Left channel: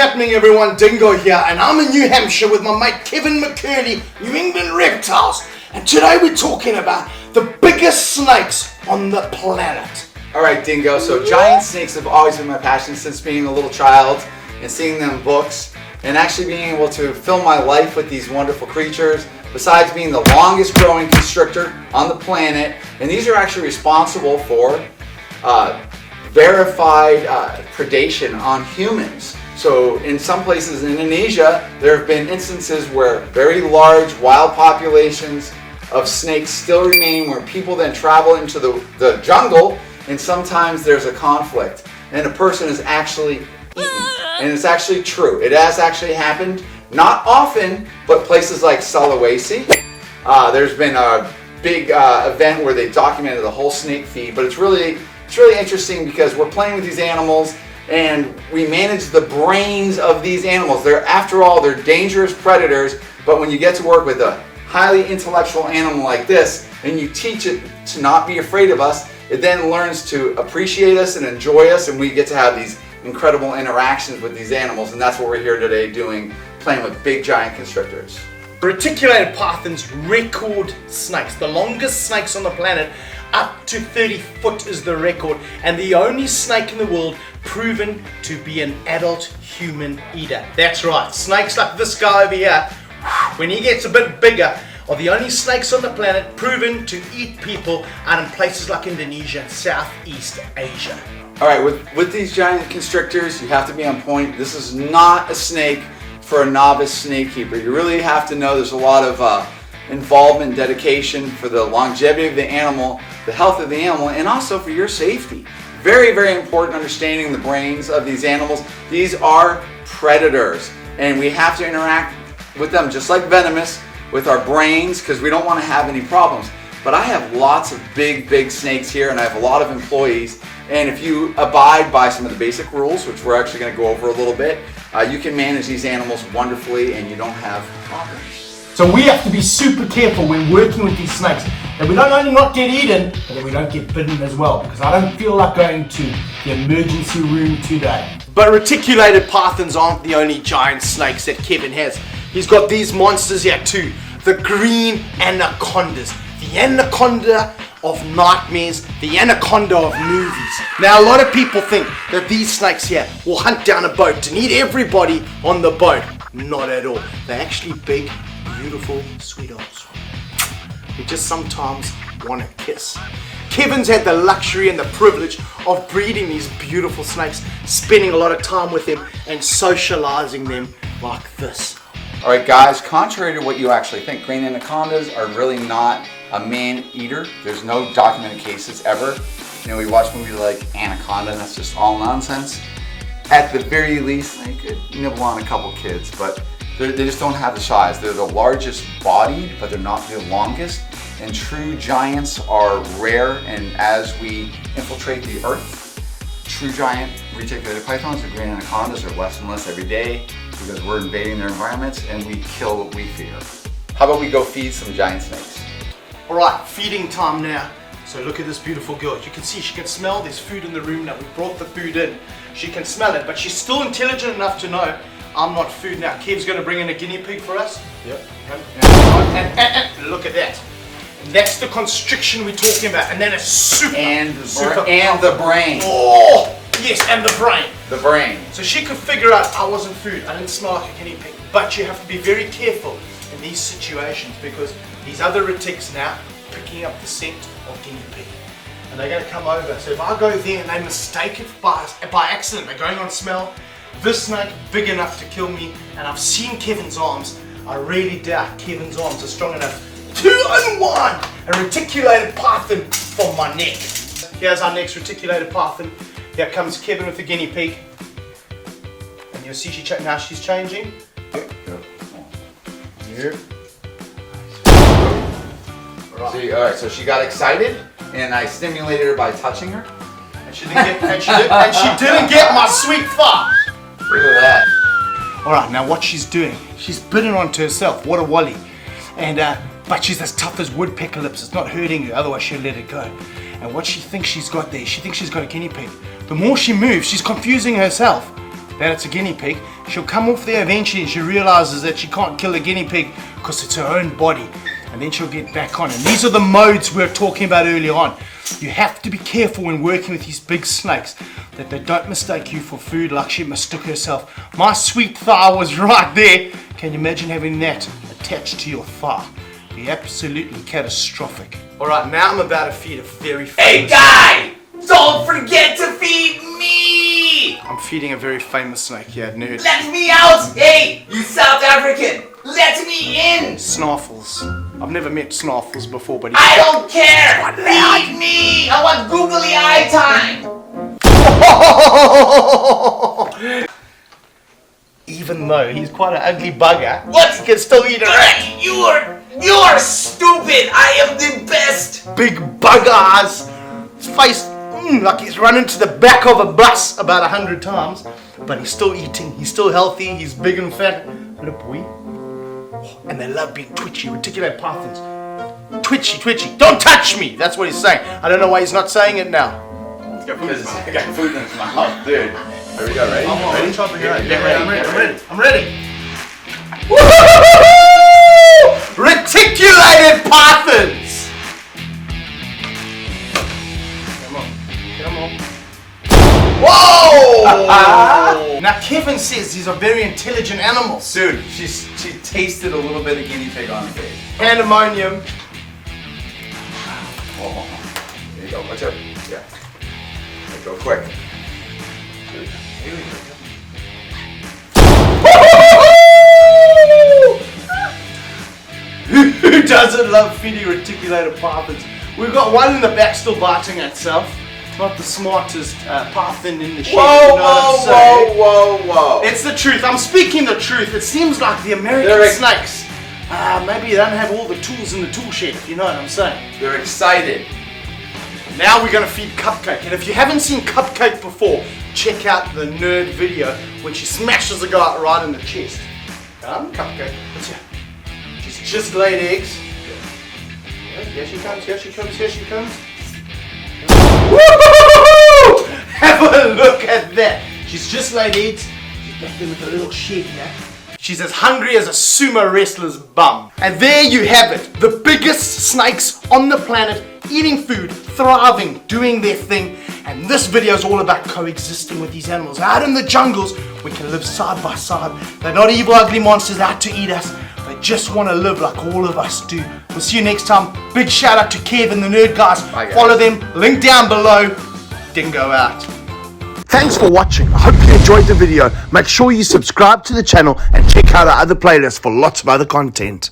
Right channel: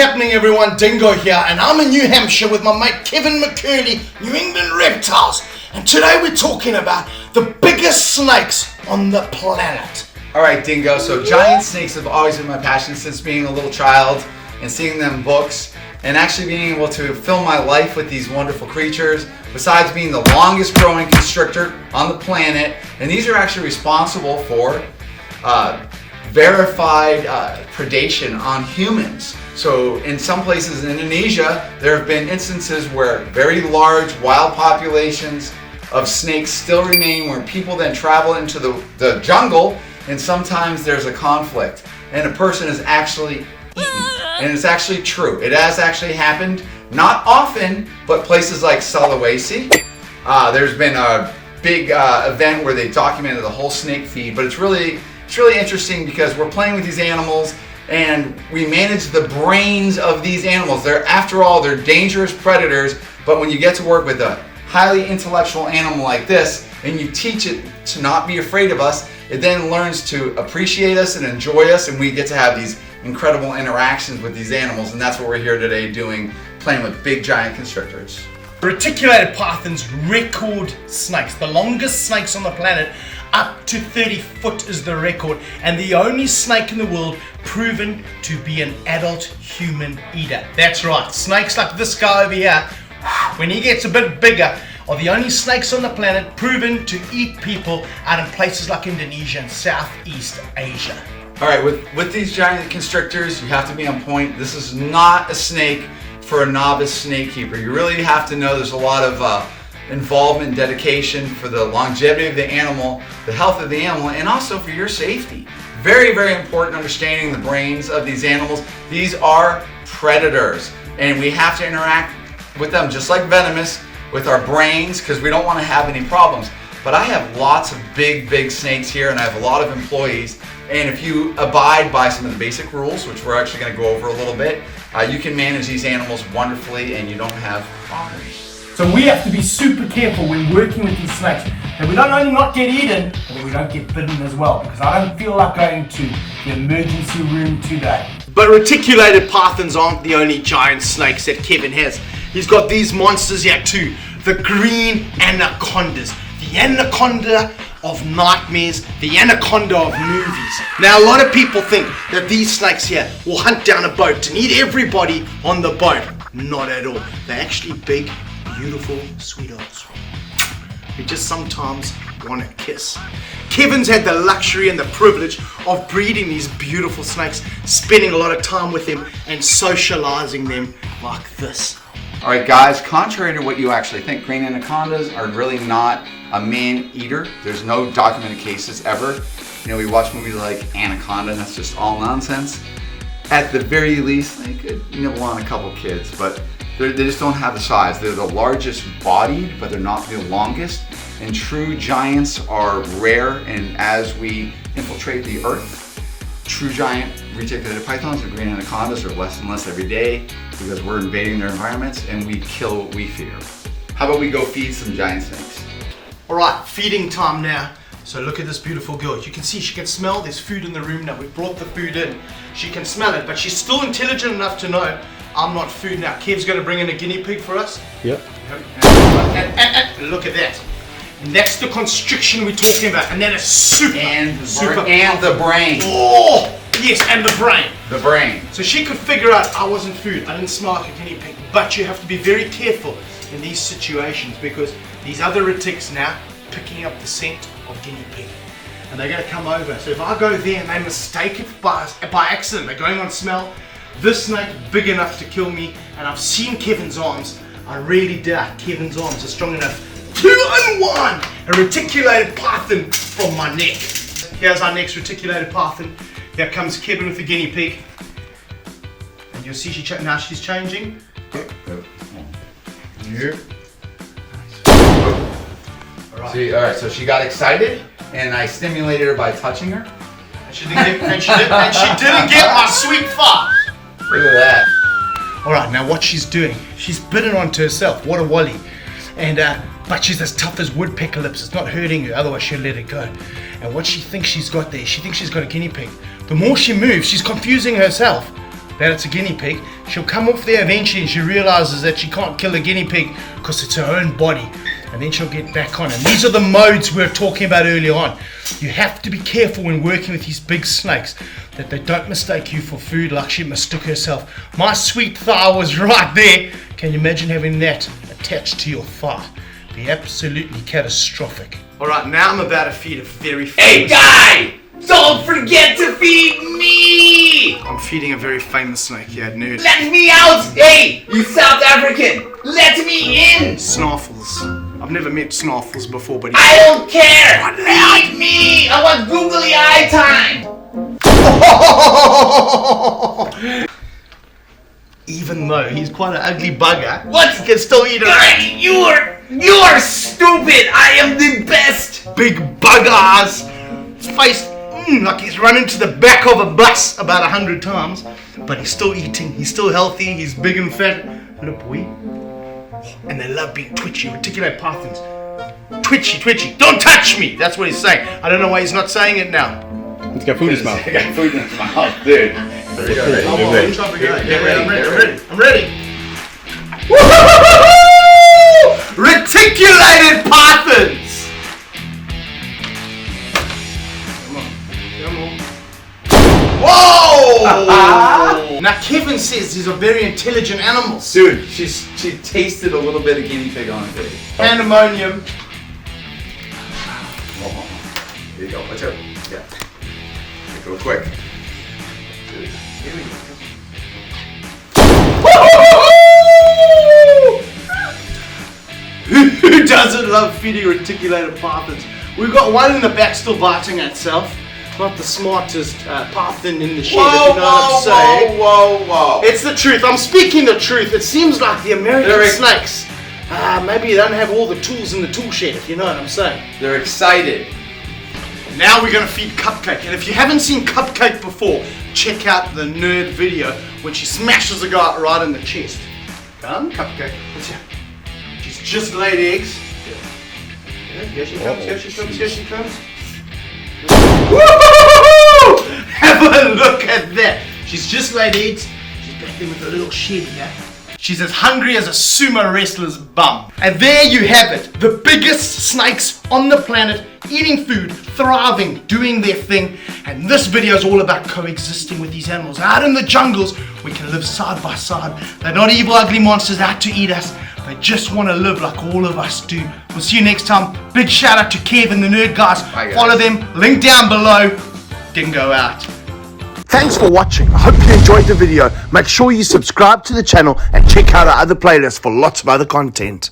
happening, everyone? Dingo here, and I'm in New Hampshire with my mate Kevin McCurley, New England Reptiles, and today we're talking about the biggest snakes on the planet. Alright, Dingo, so giant snakes have always been my passion since being a little child and seeing them in books and actually being able to fill my life with these wonderful creatures, besides being the longest growing constrictor on the planet. And these are actually responsible for verified predation on humans. So in some places in Indonesia, there have been instances where very large wild populations of snakes still remain, where people then travel into the jungle, and sometimes there's a conflict and a person is actually eaten. And it's actually true. It has actually happened, not often, but places like Sulawesi. There's been a big event where they documented the whole snake feed, but it's really interesting because we're playing with these animals and we manage the brains of these animals. After all, they're dangerous predators, but when you get to work with a highly intellectual animal like this and you teach it to not be afraid of us, it then learns to appreciate us and enjoy us, and we get to have these incredible interactions with these animals, and that's what we're here today doing, playing with big giant constrictors. Reticulated pythons, record snakes, the longest snakes on the planet, up to 30 foot is the record, and the only snake in the world proven to be an adult human eater. That's right, snakes like this guy over here, when he gets a bit bigger, are the only snakes on the planet proven to eat people out in places like Indonesia and Southeast Asia. Alright, with these giant constrictors, you have to be on point. This is not a snake for a novice snake keeper. You really have to know there's a lot of involvement and dedication for the longevity of the animal, the health of the animal, and also for your safety. Very, very important understanding the brains of these animals. These are predators, and we have to interact with them just like venomous, with our brains, because we don't want to have any problems. But I have lots of big snakes here, and I have a lot of employees, and if you abide by some of the basic rules, which we're actually going to go over a little bit, you can manage these animals wonderfully and you don't have problems. So we have to be super careful when working with these snakes, that we don't only not get eaten, but that we don't get bitten as well, because I don't feel like going to the emergency room today. But reticulated pythons aren't the only giant snakes that Kevin has. He's got these monsters here too, the green anacondas, the anaconda of nightmares, the anaconda of movies. Now a lot of people think that these snakes here will hunt down a boat and eat everybody on the boat. Not at all. They're actually big, beautiful sweethearts. They just sometimes want to kiss. Kevin's had the luxury and the privilege of breeding these beautiful snakes, spending a lot of time with them and socializing them like this. Alright guys, contrary to what you actually think, green anacondas are really not a man-eater. There's no documented cases ever. You know, we watch movies like Anaconda and that's just all nonsense. At the very least, they could nibble on a couple kids, but they just don't have the size. They're the largest bodied, but they're not the longest. And true giants are rare, and as we infiltrate the earth, true giant reticulated pythons or green anacondas are less and less every day because we're invading their environments and we kill what we fear. How about we go feed some giant snakes? Alright, feeding time now. So look at this beautiful girl. You can see she can smell there's food in the room now. We brought the food in. She can smell it, but she's still intelligent enough to know I'm not food now. Kev's going to bring in a guinea pig for us. Yep. And look at that. And that's the constriction we're talking about. And then it's super. And the brain. Oh, yes, and the brain. The brain. So she could figure out I wasn't food. I didn't smell like a guinea pig. But you have to be very careful in these situations because these other retics now picking up the scent of guinea pig. And they're going to come over. So if I go there and they mistake it by accident, they're going on smell, this snake big enough to kill me, and I've seen Kevin's arms. I really doubt Kevin's arms are strong enough. 2-on-1! A reticulated python for my neck. Here's our next reticulated python. Here comes Kevin with the guinea pig. And you'll see now she's changing. Yeah. Alright, so she got excited and I stimulated her by touching her. And she didn't get my sweet fart. Look at that. Alright, now what she's doing, she's bitten onto herself. What a wally. And but she's as tough as woodpecker lips. It's not hurting her, otherwise she'll let it go. And what she thinks she's got there, she thinks she's got a guinea pig. The more she moves, she's confusing herself. that it's a guinea pig. She'll come off there eventually and she realizes that she can't kill a guinea pig because it's her own body. And then she'll get back on. And these are the modes we were talking about earlier on. You have to be careful when working with these big snakes that they don't mistake you for food like she mistook herself. My sweet thigh was right there. Can you imagine having that attached to your thigh? Be absolutely catastrophic. Alright, now I'm about to feed a very Hey famous... guy! Don't forget to feed me! I'm feeding a very famous snake here, nerd. Let me out! Hey, you South African! Let me in! Snarfles. I've never met Snarfles before, but I don't care! Feed me! I want googly eye time! even though he's quite an ugly bugger, What? he can still eat a rat. You are stupid! I am the best! Big bugger ass. His face like he's run into the back of a bus about 100 times, but he's still eating, he's still healthy, he's big and fat. Look, boy. And they love being twitchy, reticulate pythons. Twitchy. Don't touch me! That's what he's saying. I don't know why he's not saying it now. Let's go food in his mouth. I got food in his mouth, dude. There we go, ready? I'm ready. Woo-hoo-hoo-hoo-hoo! Reticulated pythons! Come on. Whoa! Now Kevin says these are very intelligent animals. Dude, she tasted a little bit of guinea pig on it. Pandemonium. Oh, here you go, watch out. Yeah. Go quick. Here we go. Who doesn't love feeding reticulated pythons? We've got one in the back still biting itself. Not the smartest python in the shed, if you know what I'm saying. Whoa. It's the truth. I'm speaking the truth. It seems like the American snakes, maybe they don't have all the tools in the tool shed, if you know what I'm saying. They're excited. Now we're going to feed Cupcake. And if you haven't seen Cupcake before, check out the nerd video when she smashes a guy right in the chest. Come, Cupcake. Let's see. She's just laid eggs. Here she comes. Woo-hoo-hoo-hoo! Have a look at that. She's just laid eggs. She's back there with a little shed here. She's as hungry as a sumo wrestler's bum. And there you have it. The biggest snakes on the planet, eating food, thriving, doing their thing. And this video is all about coexisting with these animals. Out in the jungles, we can live side by side. They're not evil, ugly monsters out to eat us. They just want to live like all of us do. We'll see you next time. Big shout out to Kev and the Nerd Guys. Bye, guys. Follow them, link down below. Dingo out. Thanks for watching. I hope you enjoyed the video. Make sure you subscribe to the channel and check out our other playlists for lots of other content.